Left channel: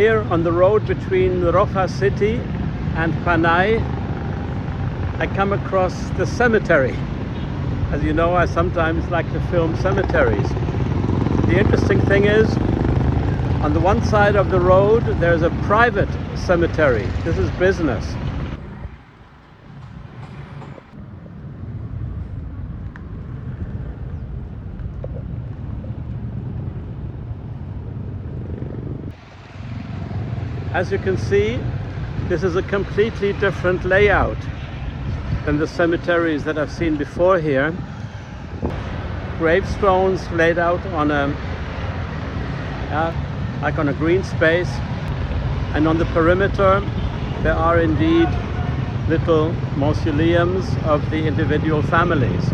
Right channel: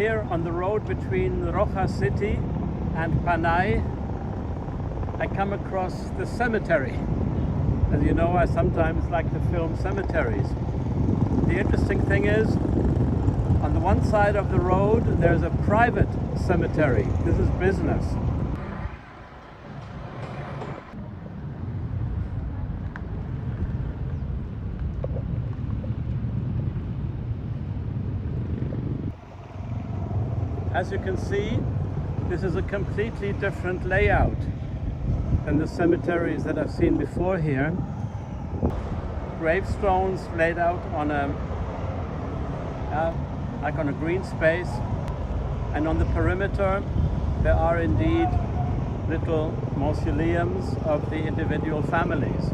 Here on the road between Roxas City and Panay, I come across the cemetery. As you know, I sometimes like to film cemeteries. The interesting thing is, on the one side of the road, there's a private cemetery. This is business. As you can see, this is a completely different layout than the cemeteries that I've seen before here. Gravestones laid out on like on a green space, and on the perimeter there are indeed little mausoleums of the individual families.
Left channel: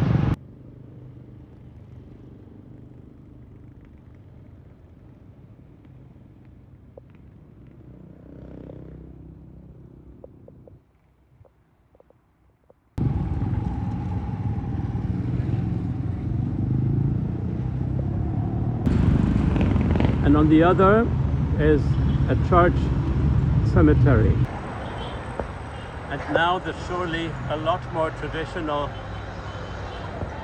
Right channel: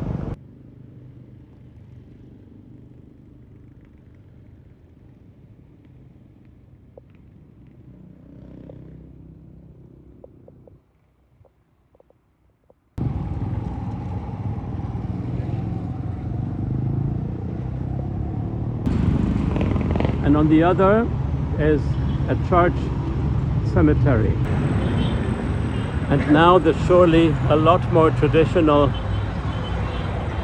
And on the other is a church cemetery. And now there's surely a lot more traditional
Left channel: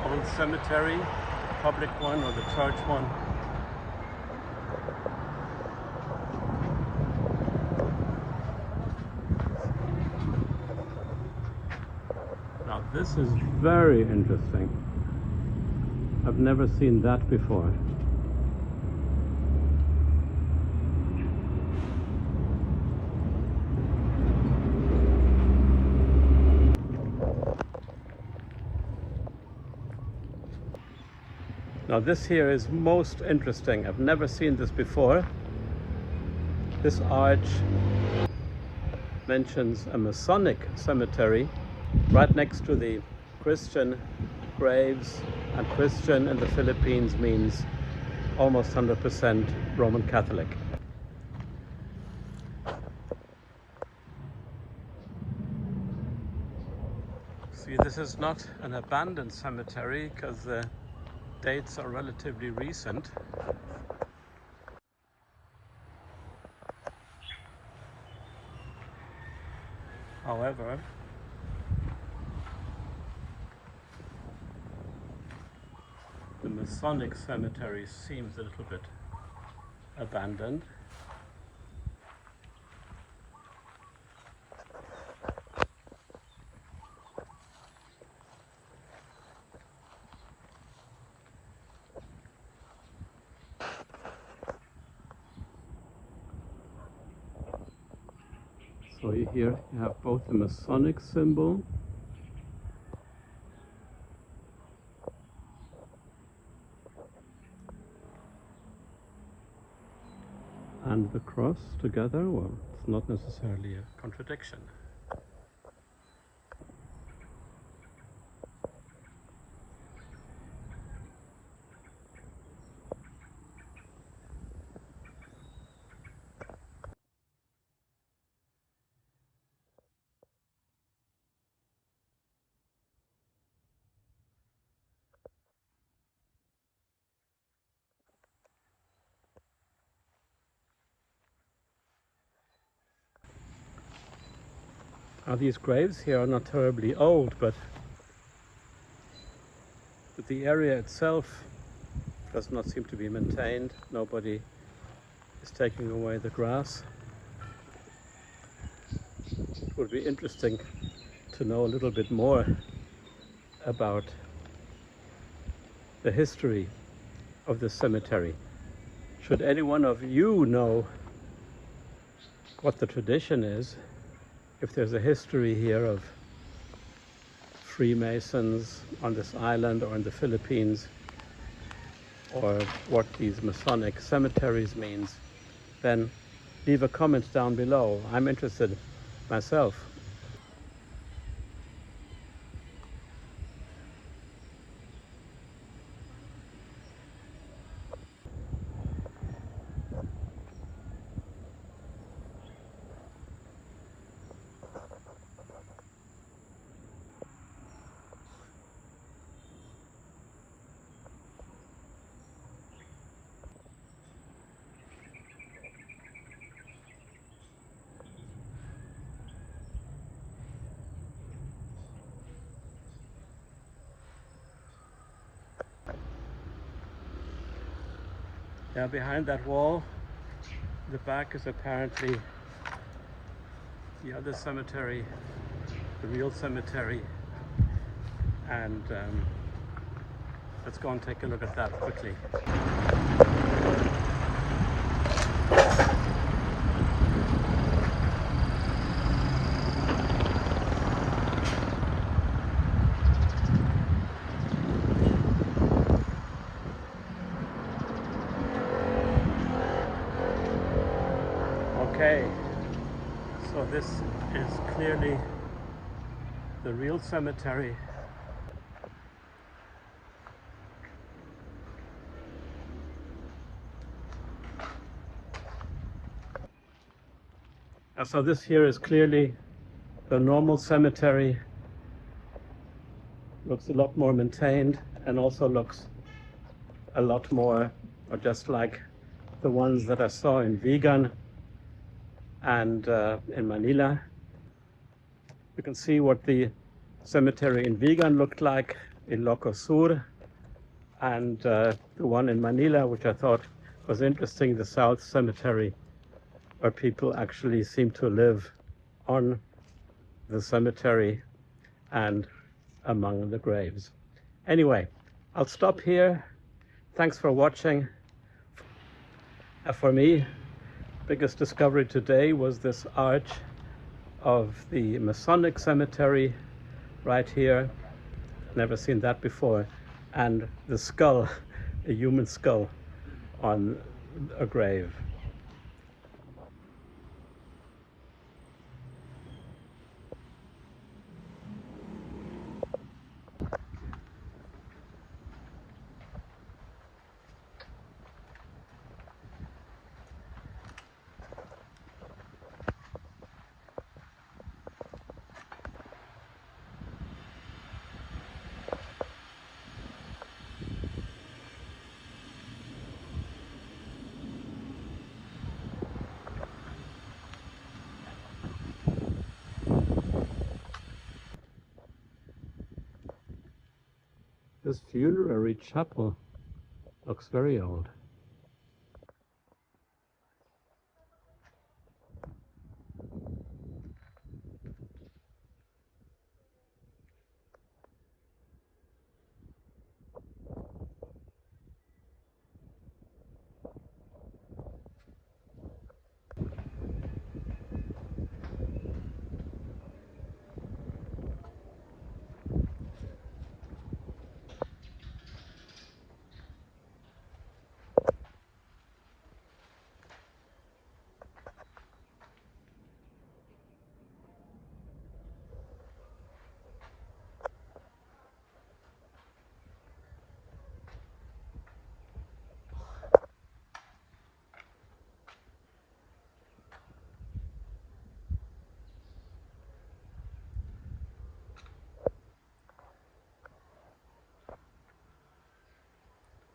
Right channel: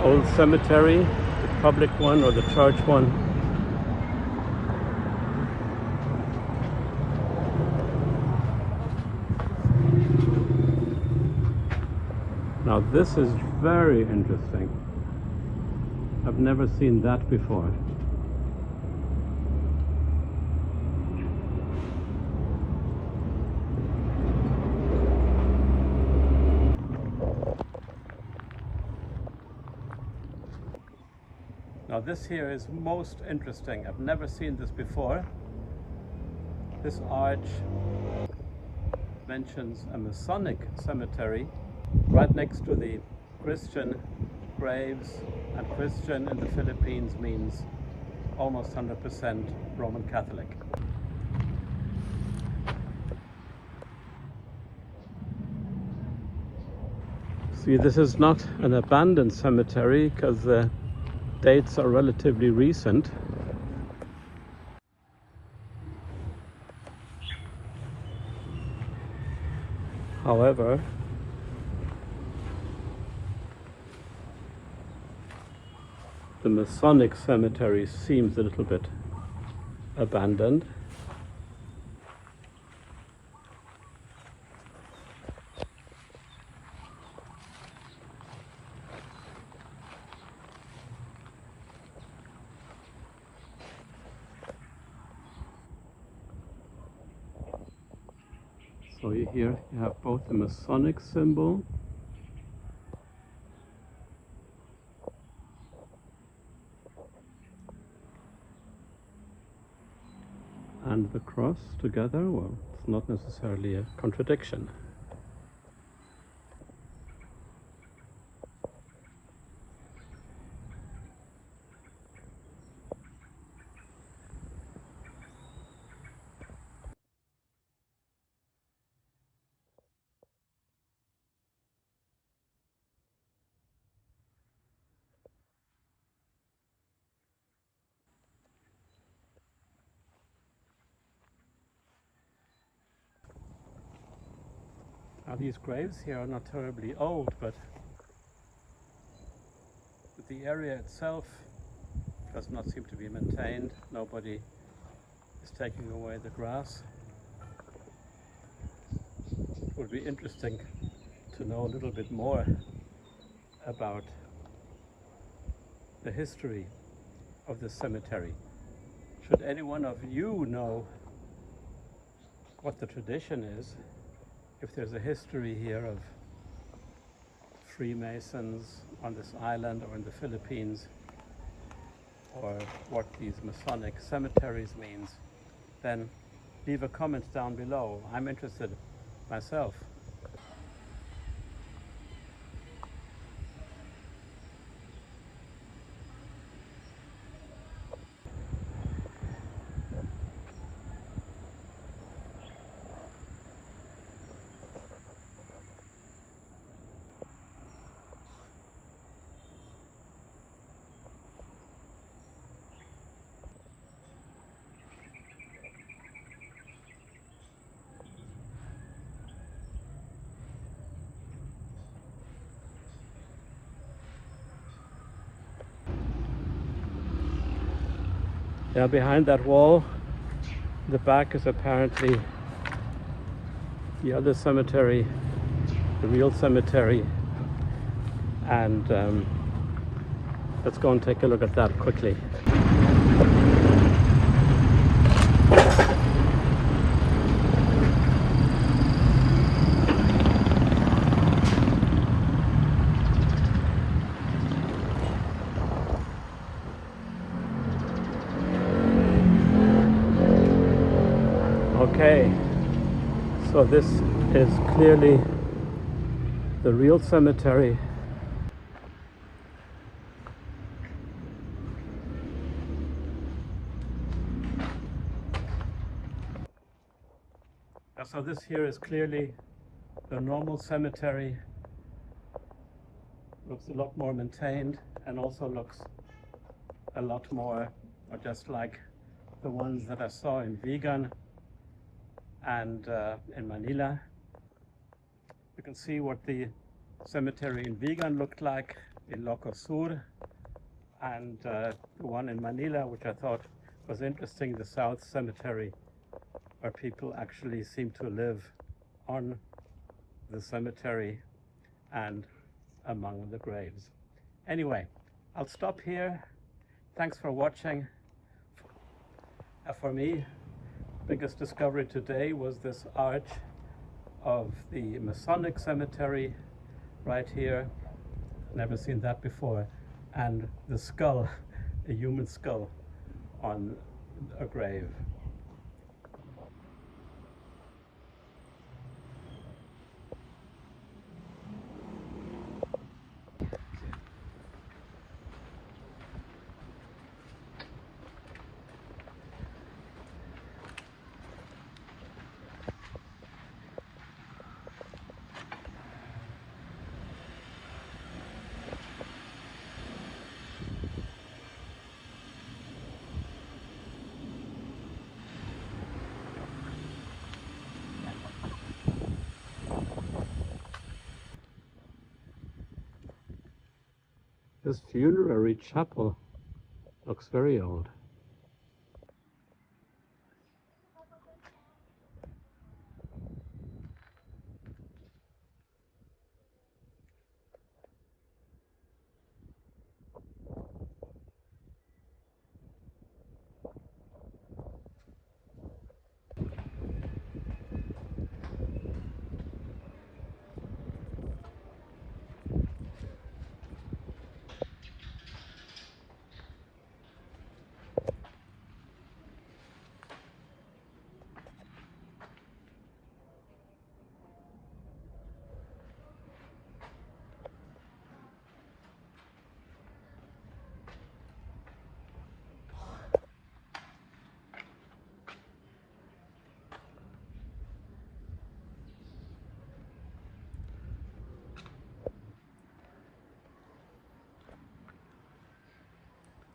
old cemetery, the public one or the church one. Now this is very interesting. I've never seen that before. Now this here is most interesting. I've never seen this before. This arch mentions a Masonic cemetery right next to the Christian graves, and Christian in the Philippines means almost 100% Roman Catholic. See, this is not an abandoned cemetery because the dates are relatively recent. However, the Masonic Cemetery seems a little bit abandoned. So here you have both the Masonic symbol and the cross together. Well, it's not necessarily a contradiction. Now these graves here are not terribly old, but the area itself does not seem to be maintained. Nobody is taking away the grass. It would be interesting to know a little bit more about the history of this cemetery. Should any one of you know what the tradition is, if there's a history here of freemasons on this island or in the Philippines, or what these Masonic cemeteries means, then leave a comment down below. I'm interested myself. Now behind that wall, the back is apparently the other cemetery, the real cemetery, and let's go and take a look at that quickly. Okay, so this is clearly the real cemetery. So this here is clearly the normal cemetery. Looks a lot more maintained and also looks a lot more, or just like the ones that I saw in Vigan and in Manila. You can see what the cemetery in Vigan looked like in Loco Sur, and the one in Manila, which I thought was interesting, the South Cemetery, where people actually seem to live on the cemetery and among the graves. Anyway, I'll stop here. Thanks for watching. For me, biggest discovery today was this arch of the Masonic Cemetery right here. Never seen that before. And the skull, a human skull on a grave. This funerary chapel looks very old.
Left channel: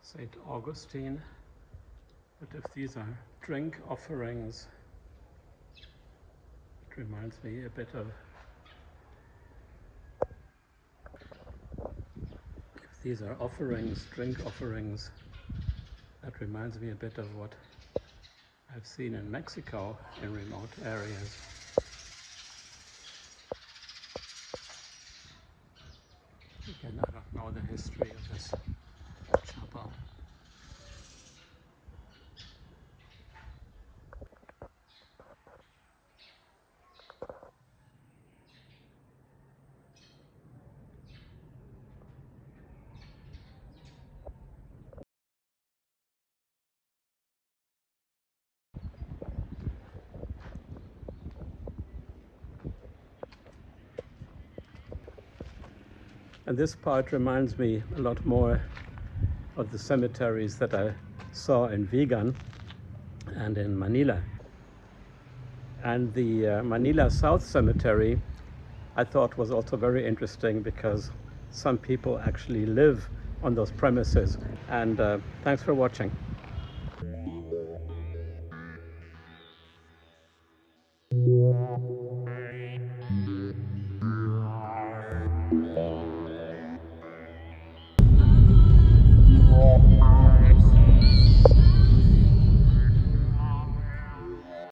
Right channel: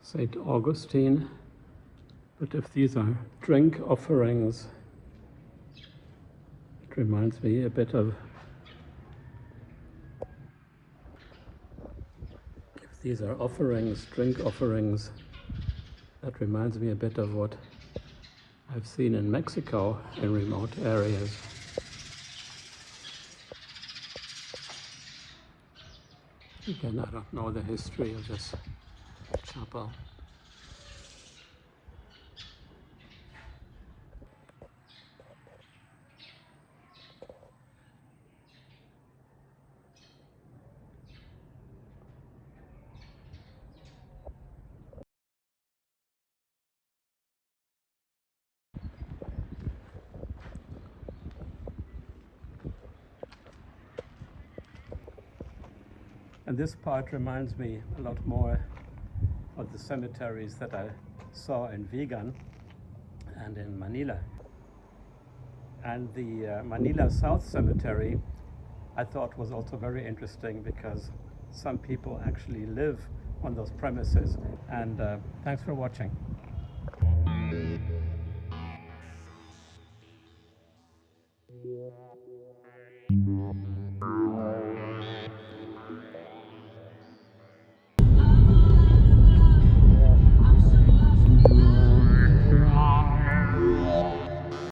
St. Augustine, but if these are drink offerings, it reminds me a bit of, if these are offerings, drink offerings, that reminds me a bit of what I've seen in Mexico in remote areas. Again, I don't know the history of this chapel. And this part reminds me a lot more of the cemeteries that I saw in Vigan and in Manila. And the Manila South Cemetery I thought was also very interesting because some people actually live on those premises. And thanks for watching.